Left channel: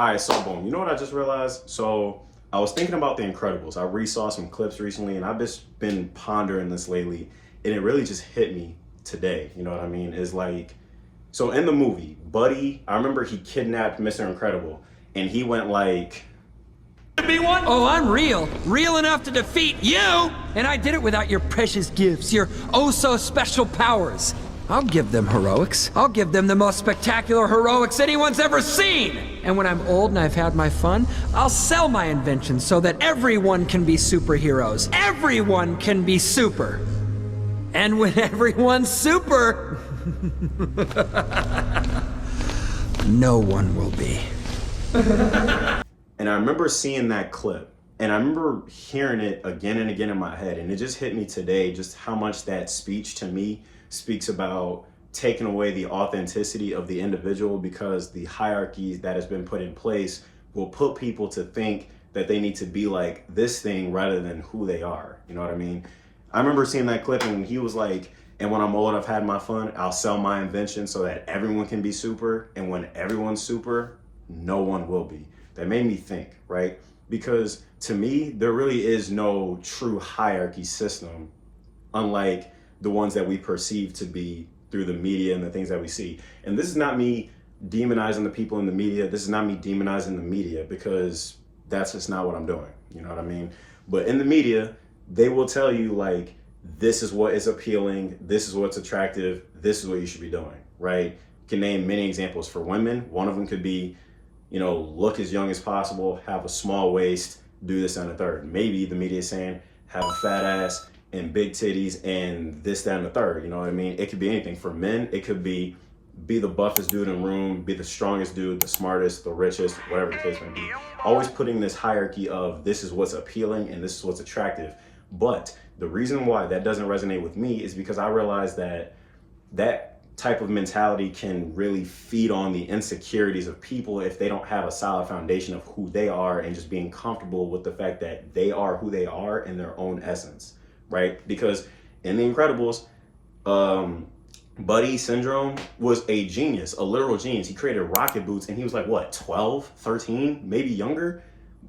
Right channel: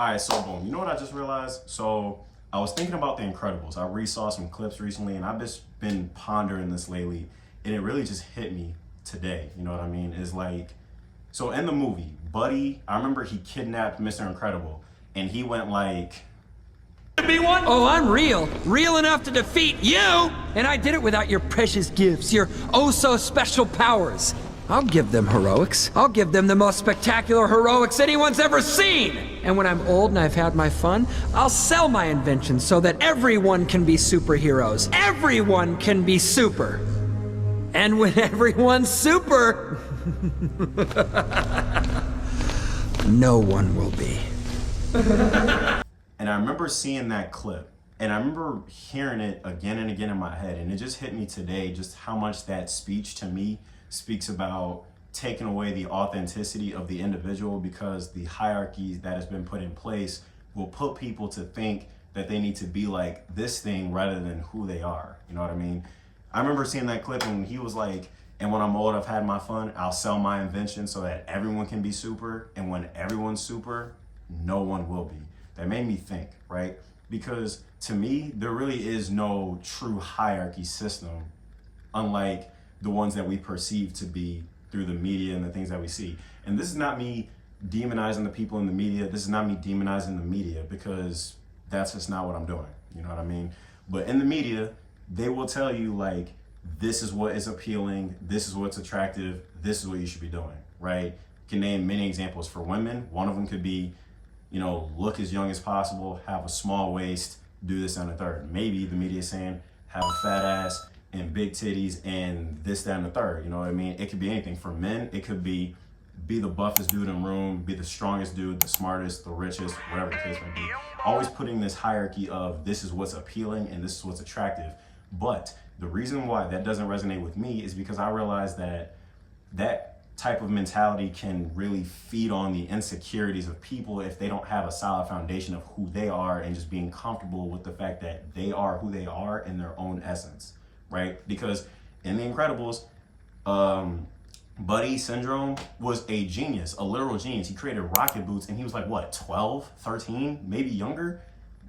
All right, so boom. You know what I just realized? So I was thinking about The Incredibles. I re-saw some clips recently, and I've just been pondering this lately, and it really just hit me today. You know what I mean? It's like, so in the movie, Buddy, I remember he kidnapped Mr. Incredible, and he went like, Oh, I'm real. Real enough to defeat you! And I did it without your precious gifts, your oh-so-special powers. I'll give them heroics. I'll give them the most spectacular heroics anyone's ever seen! And when I'm old and I've had my fun, I'll sell my inventions so that everyone can be superheroes. Everyone can be super! And when everyone's super... no one will be. And I remember seeing that clip, and I remember hearing it again and again in my head, and it just hit me today just how much that speech to me speaks about taking away the authenticity of the individual, because the hierarchies that has been put in place will put people to think that they need to be like this thing rather than who they are. You know what I mean? I remember seeing that clip, and he was like, and when I'm old, I've had my fun, I'll sell my invention so that everyone can be super, and when everyone's super, no one will be. That made me think, right? Because to me, there really is no true hierarchy system, unlike the ones that we perceive to be through the media and the things that we see. And this is not me demonizing the people in the media. This is not me demonizing the media, because that's just not what I'm doing. You know what I mean? But in the media, they will tell you like, this is what is appealing. This is what's attractive. This is what you should be doing, right? You can name many examples for women. One of them could be, you know, look as young as possible, have a small waist, do this and the third. Maybe the media is saying, have a fat ass and big titties and this, that, and the third. You know what I mean? It could be anything. For men, it could be the buffest dude in the room, be the strongest dude, the smartest, the richest, whatever the case may be. Always putting this hierarchy of this is what's appealing and this is what's attractive. But the reason why that doesn't resonate with me is because I realize that that type of mentality can really feed on the insecurities of people if they don't have a solid foundation of who they are and just being comfortable with the fact that they are who they are in their own essence, right? Because in The Incredibles, Buddy Syndrome was a genius, a literal genius. He created rocket boots and he was like, what, 12, 13, maybe younger?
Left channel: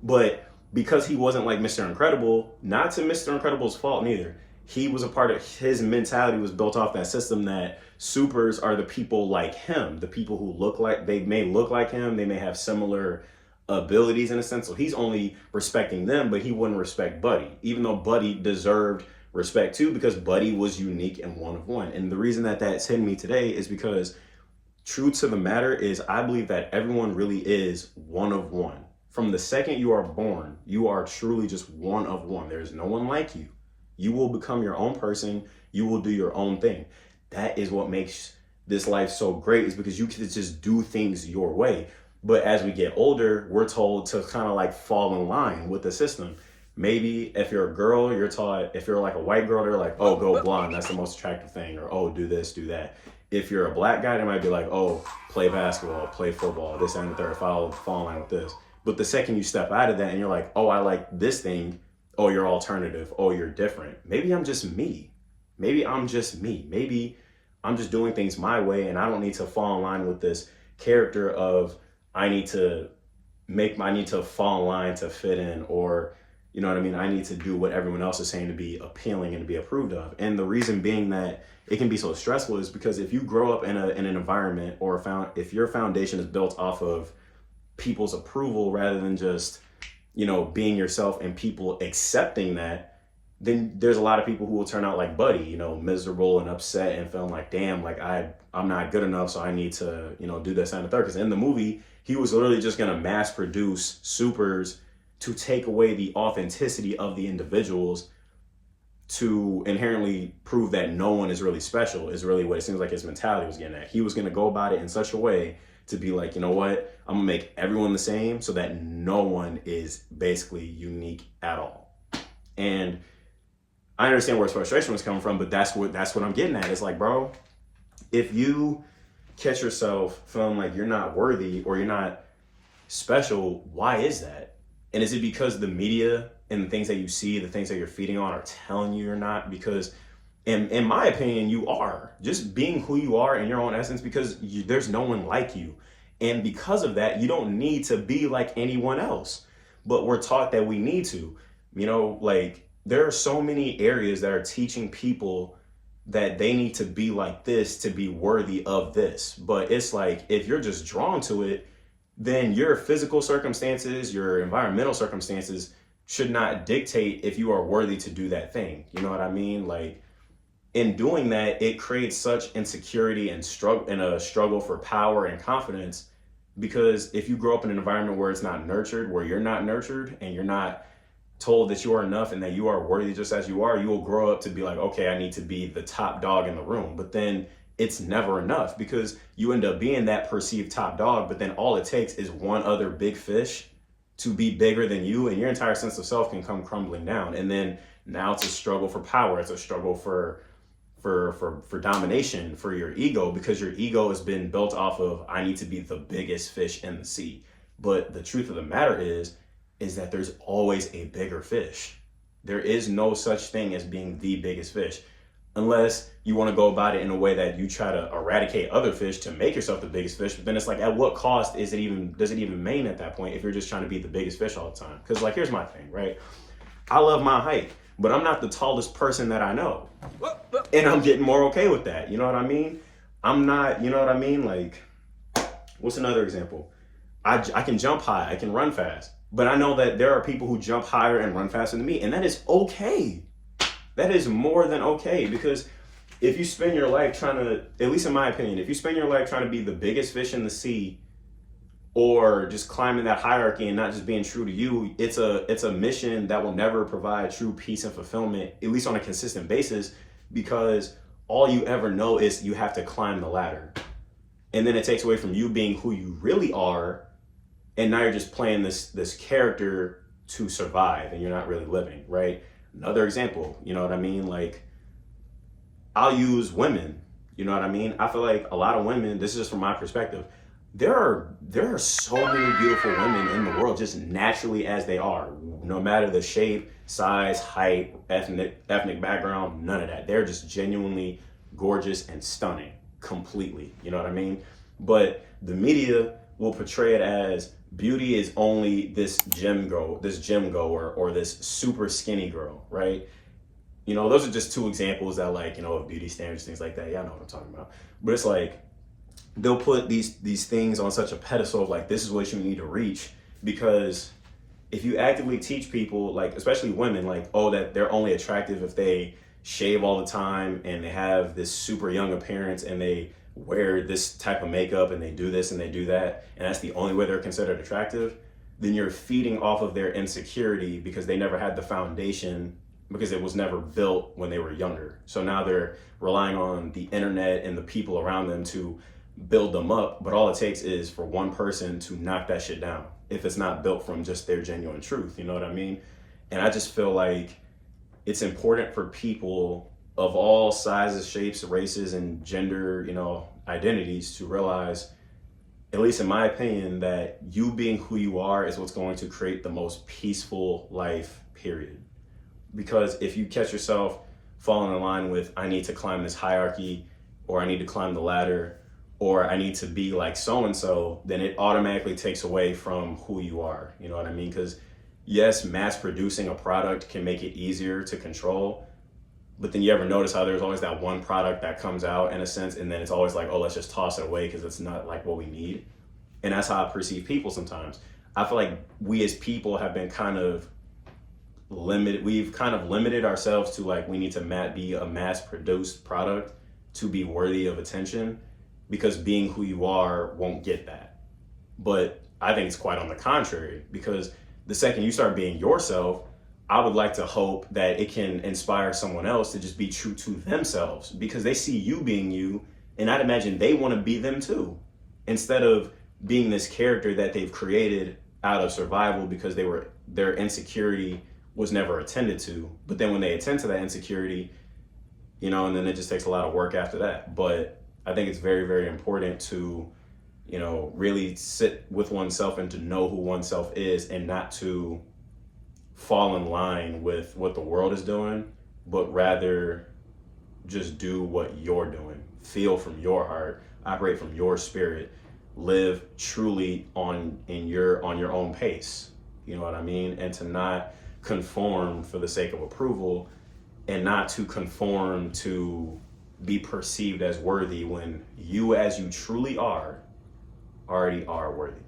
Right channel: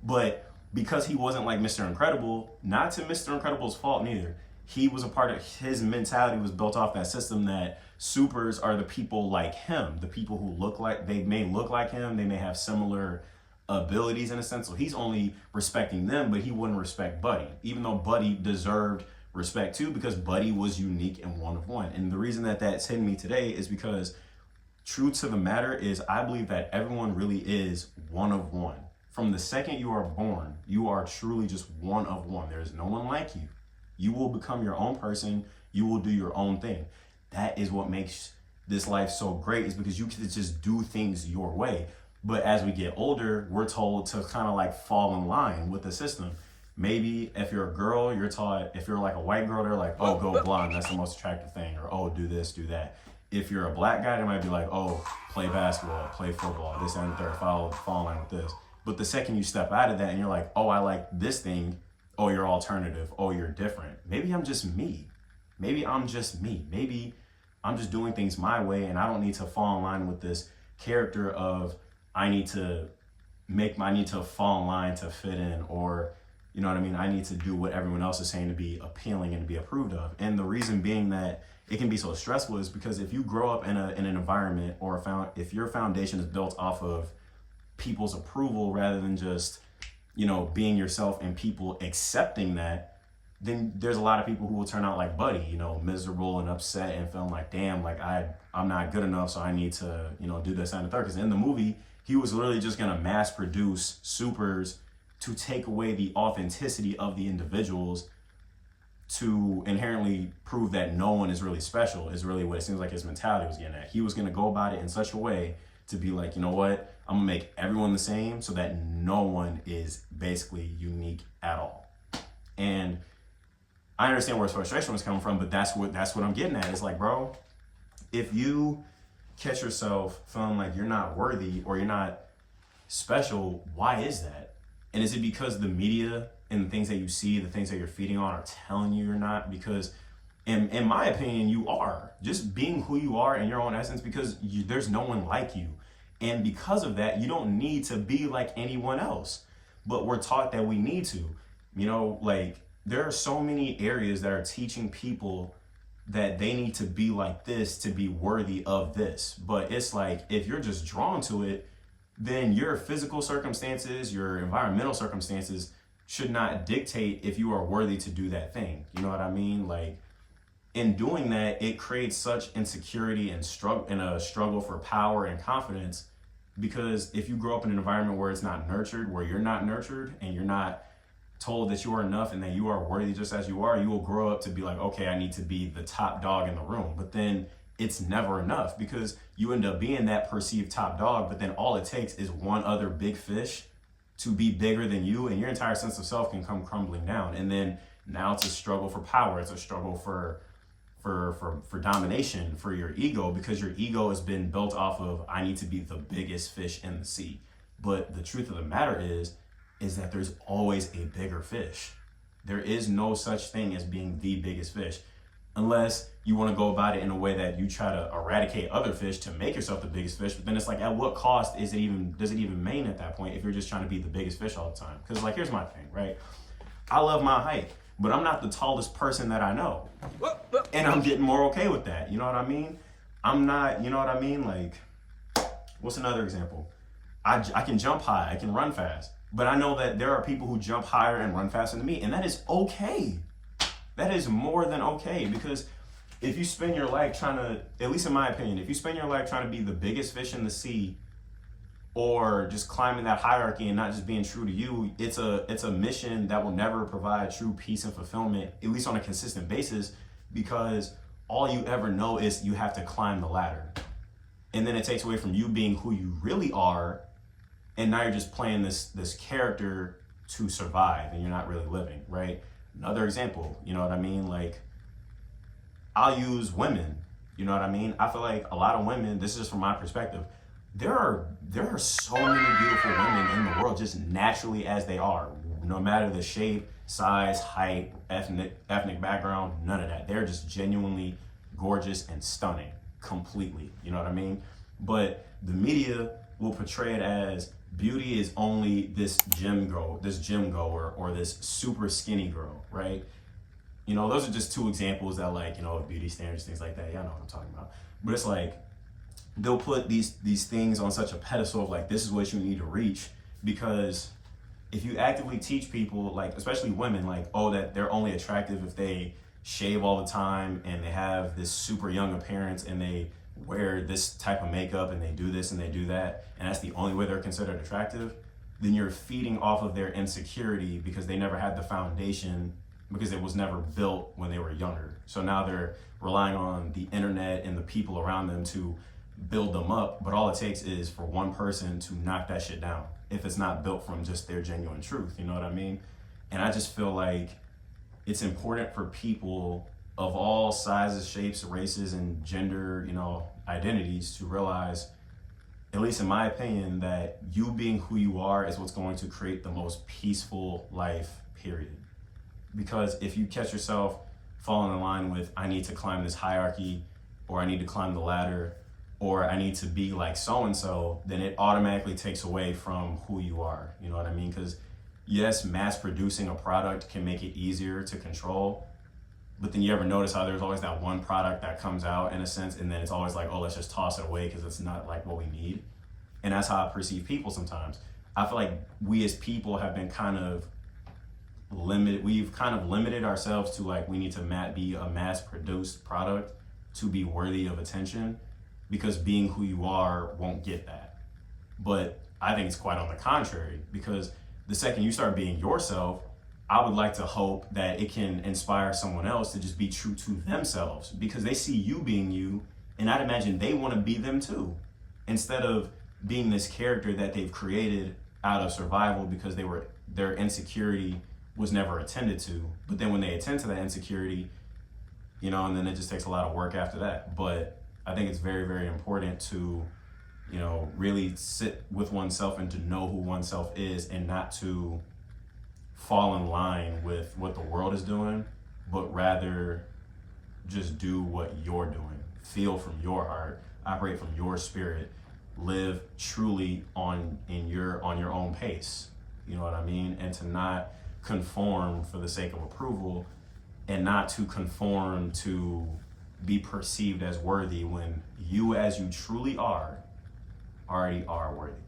But because he wasn't like Mr. Incredible, not to Mr. Incredible's fault neither, he was a part of, his mentality was built off that system that supers are the people like him, the people who look like, they may look like him, they may have similar abilities in a sense. So he's only respecting them, but he wouldn't respect Buddy, even though Buddy deserved respect too, because Buddy was unique and one of one. And the reason that that's hitting me today is because true to the matter is I believe that everyone really is one of one. From the second you are born, you are truly just one of one. There's no one like you. You will become your own person. You will do your own thing. That is what makes this life so great, is because you can just do things your way. But as we get older, we're told to kind of like fall in line with the system. Maybe if you're a girl, you're taught, if you're like a white girl, they're like, oh, go blonde. That's the most attractive thing. Or, oh, do this, do that. If you're a black guy, they might be like, oh, play basketball, play football, this and the third, fall in line with this. But the second you step out of that and you're like, oh, I like this thing. Oh, you're alternative. Oh, you're different. Maybe I'm just me. Maybe I'm just me. Maybe I'm just doing things my way and I don't need to fall in line with this character of I need to fall in line to fit in, or, you know what I mean? I need to do what everyone else is saying to be appealing and to be approved of. And the reason being that it can be so stressful is because if you grow up in an environment, or if your foundation is built off of people's approval rather than just, you know, being yourself and people accepting that, then there's a lot of people who will turn out like Buddy, you know, miserable and upset and feeling like, damn, like I'm not good enough, so I need to, you know, do this and the third. Because in the movie, he was literally just gonna mass produce supers to take away the authenticity of the individuals, to inherently prove that no one is really special, is really what it seems like his mentality was getting at. He was gonna go about it in such a way to be like, you know what, I'm gonna make everyone the same so that no one is basically unique at all. And I understand where his frustration was coming from, but that's what I'm getting at. It's like, bro, if you catch yourself feeling like you're not worthy or you're not special, why is that? And is it because the media and the things that you see, the things that you're feeding on are telling you you're not? Because in my opinion, you are just being who you are in your own essence, because there's no one like you. And because of that, you don't need to be like anyone else. But we're taught that we need to. You know, like there are so many areas that are teaching people that they need to be like this to be worthy of this. But it's like, if you're just drawn to it, then your physical circumstances, your environmental circumstances should not dictate if you are worthy to do that thing. You know what I mean? Like, in doing that, it creates such insecurity and a struggle for power and confidence. Because if you grow up in an environment where it's not nurtured, where you're not nurtured and you're not told that you are enough and that you are worthy just as you are, you will grow up to be like, okay, I need to be the top dog in the room. But then it's never enough, because you end up being that perceived top dog, but then all it takes is one other big fish to be bigger than you, and your entire sense of self can come crumbling down. And then now it's a struggle for power. It's a struggle for domination, for your ego, because your ego has been built off of, I need to be the biggest fish in the sea. But the truth of the matter is that there's always a bigger fish. There is no such thing as being the biggest fish, unless you want to go about it in a way that you try to eradicate other fish to make yourself the biggest fish. But then it's like, at what cost does it even mean at that point if you're just trying to be the biggest fish all the time? Because like, here's my thing, right? I love my height, but I'm not the tallest person that I know. And I'm getting more okay with that. You know what I mean? I'm not, you know what I mean? Like, what's another example? I can jump high, I can run fast, but I know that there are people who jump higher and run faster than me, and that is okay. That is more than okay, because if you spend your life trying to, at least in my opinion, if you spend your life trying to be the biggest fish in the sea, or just climbing that hierarchy and not just being true to you, it's a mission that will never provide true peace and fulfillment, at least on a consistent basis, because all you ever know is you have to climb the ladder. And then it takes away from you being who you really are, and now you're just playing this character to survive, and you're not really living, right? Another example, you know what I mean? Like, I'll use women, you know what I mean? I feel like a lot of women, this is just from my perspective, there are so many beautiful women in the world just naturally as they are, no matter the shape, size, height, ethnic background, none of that. They're just genuinely gorgeous and stunning completely, you know what I mean? But the media will portray it as beauty is only this gym goer or this super skinny girl, right? You know, those are just two examples that, like, you know, of beauty standards, things like that. Yeah, I know what I'm talking about. But it's like, they'll put these things on such a pedestal of like, this is what you need to reach, because if you actively teach people, like especially women, like, oh, that they're only attractive if they shave all the time and they have this super young appearance and they wear this type of makeup and they do this and they do that, and that's the only way they're considered attractive, then you're feeding off of their insecurity because they never had the foundation, because it was never built when they were younger. So now they're relying on the internet and the people around them to build them up, but all it takes is for one person to knock that shit down if it's not built from just their genuine truth, you know what I mean? And I just feel like it's important for people of all sizes, shapes, races, and gender, you know, identities to realize, at least in my opinion, that you being who you are is what's going to create the most peaceful life, period. Because if you catch yourself falling in line with, I need to climb this hierarchy, or I need to climb the ladder, or I need to be like so-and-so, then it automatically takes away from who you are. You know what I mean? Because yes, mass producing a product can make it easier to control, but then you ever notice how there's always that one product that comes out in a sense, and then it's always like, oh, let's just toss it away because it's not like what we need. And that's how I perceive people sometimes. I feel like we as people have been kind of limited. We've kind of limited ourselves to like, we need to be a mass produced product to be worthy of attention, because being who you are won't get that. But I think it's quite on the contrary, because the second you start being yourself, I would like to hope that it can inspire someone else to just be true to themselves, because they see you being you, and I'd imagine they want to be them too, instead of being this character that they've created out of survival because their insecurity was never attended to. But then when they attend to that insecurity, you know, and then it just takes a lot of work after that. But I think it's very, very important to, you know, really sit with oneself and to know who oneself is, and not to fall in line with what the world is doing, but rather just do what you're doing. Feel from your heart, operate from your spirit, live truly on your own pace. You know what I mean? And to not conform for the sake of approval, and not to conform to be perceived as worthy when you, as you truly are, already are worthy.